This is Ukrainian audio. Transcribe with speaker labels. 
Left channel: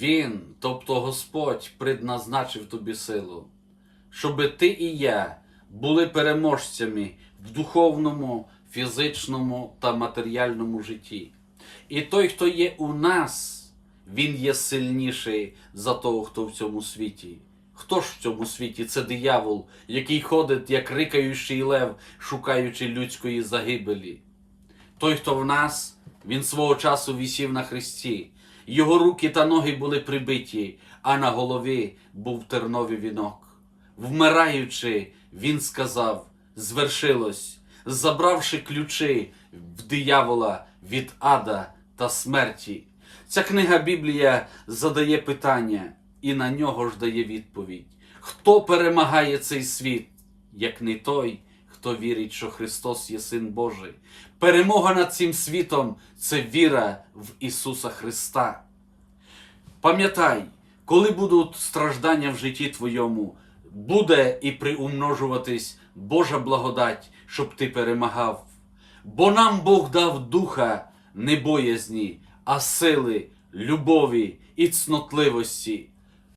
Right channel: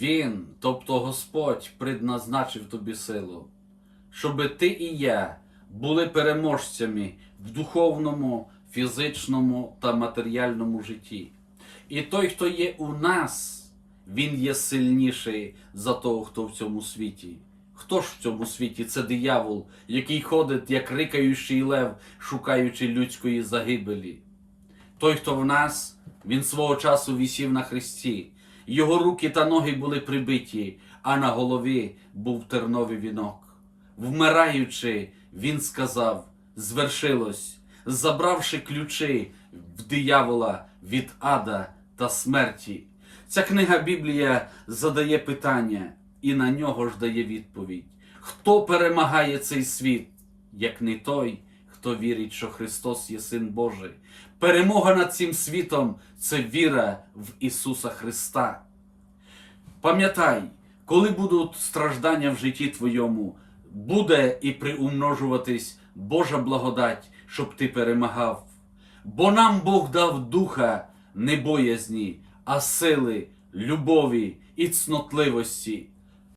Speaker 1: Він, тобто Господь, предназначив тобі силу, щоби ти і я були переможцями в духовному, фізичному та матеріальному житті. І той, хто є у нас, він є сильніший за того, хто в цьому світі. Хто ж в цьому світі? Це диявол, який ходить, як рикаючий лев, шукаючи людської загибелі. Той, хто в нас, він свого часу вісів на хресті. Його руки та ноги були прибиті, а на голові був терновий вінок. Вмираючи, він сказав: звершилось, забравши ключі в диявола від ада та смерті. Ця книга Біблія задає питання і на нього ж дає відповідь. Хто перемагає цей світ, як не той, хто вірить, що Христос є Син Божий? Перемога над цим світом це віра в Ісуса Христа. Пам'ятай, коли будуть страждання в житті твоєму, буде і приумножуватись Божа благодать, щоб ти перемагав. Бо нам Бог дав духа не боязні, а сили, любові і цнотливості.